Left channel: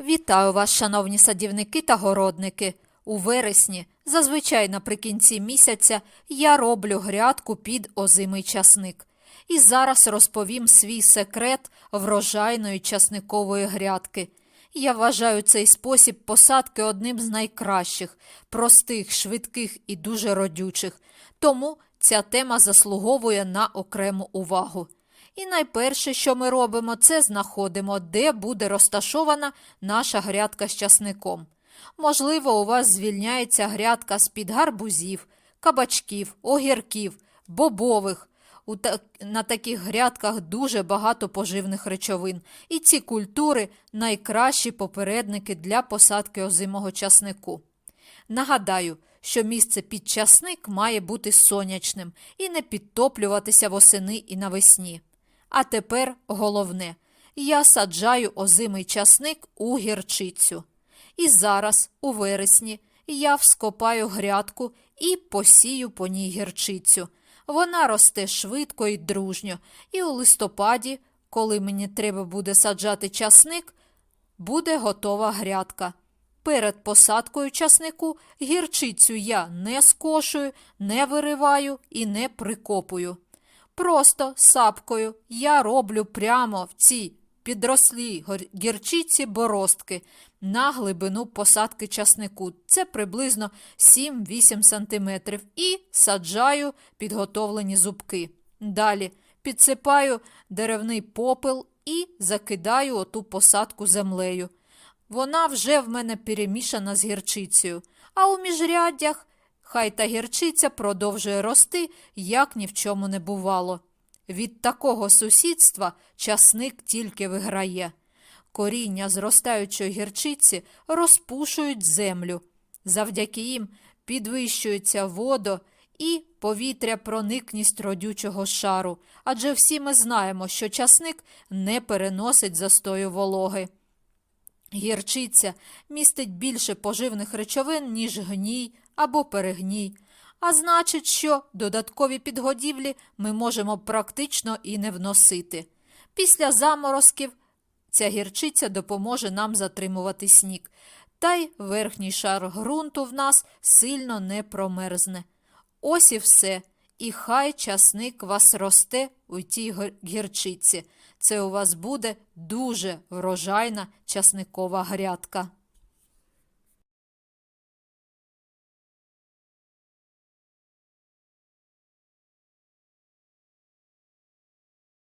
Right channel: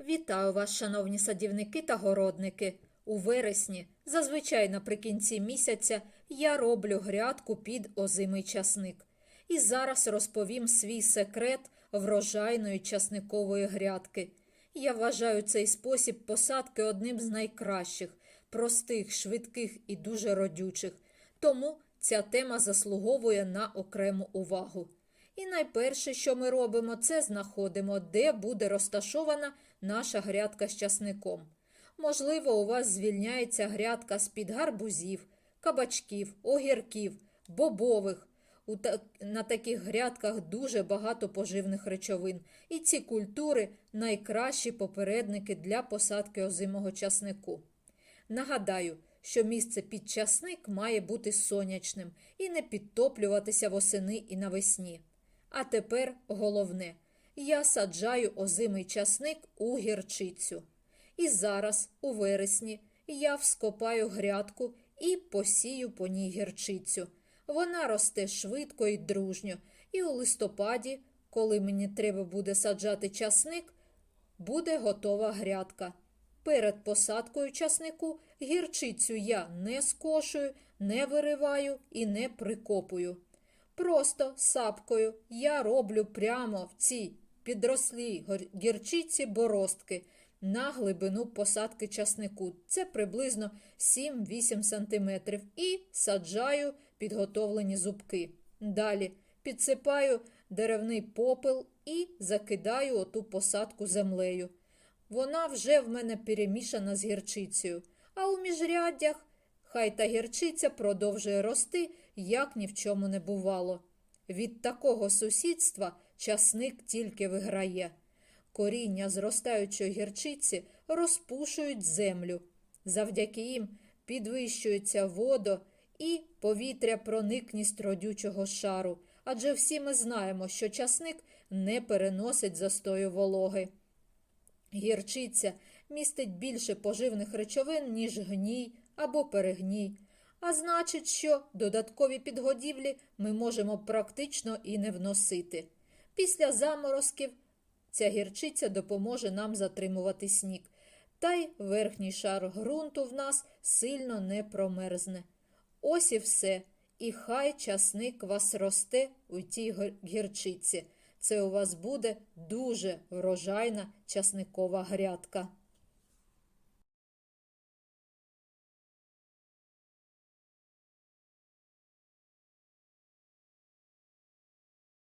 Вітаю вас, шановні садівники та городники. У вересні, зазвичай наприкінці місяця, я роблю грядку під озимий часник. І зараз розповім свій секрет врожайної часникової грядки. Я вважаю цей спосіб посадки одним з найкращих, простих, швидких і дуже родючих. Тому ця тема заслуговує на окрему увагу. І найперше, що ми робимо, це знаходимо, де буде розташована наша грядка з часником. Можливо, у вас звільняється грядка з-під гарбузів, кабачків, огірків, бобових. У та... На таких грядках дуже багато поживних речовин, і ці культури найкращі попередники для посадки озимого часнику. Нагадаю, що місце під часник має бути сонячним і не підтоплюватися восени і навесні. А тепер головне: я саджаю озимий часник у гірчицю. І зараз, у вересні, я вскопаю грядку і посію по ній гірчицю. Вона росте швидко і дружньо, і у листопаді, коли мені треба буде саджати часник, буде готова грядка. Перед посадкою часнику гірчицю я не скошую, не вириваю і не прикопую. Просто сапкою я роблю прямо в цій підрослій гірчиці боростки на глибину посадки часнику. Це приблизно 7-8 см. І саджаю підготовлені зубки. Далі підсипаю деревний попел і закидаю оту посадку землею. Вона вже в мене перемішана з гірчицею, а у міжряддях хай та гірчиця продовжує рости, як ні в чому не бувало. Від такого сусідства часник тільки виграє. Коріння зростаючої гірчиці розпушують землю. Завдяки їм підвищується водо і повітря проникність родючого шару, адже всі ми знаємо, що часник не переносить застою вологи. Гірчиця містить більше поживних речовин, ніж гній або перегній. А значить, що додаткові підгодівлі ми можемо практично і не вносити. Після заморозків ця гірчиця допоможе нам затримувати сніг, та й верхній шар ґрунту в нас сильно не промерзне. Ось і все. І хай часник вас росте у тій гірчиці. Це у вас буде дуже врожайна часникова грядка.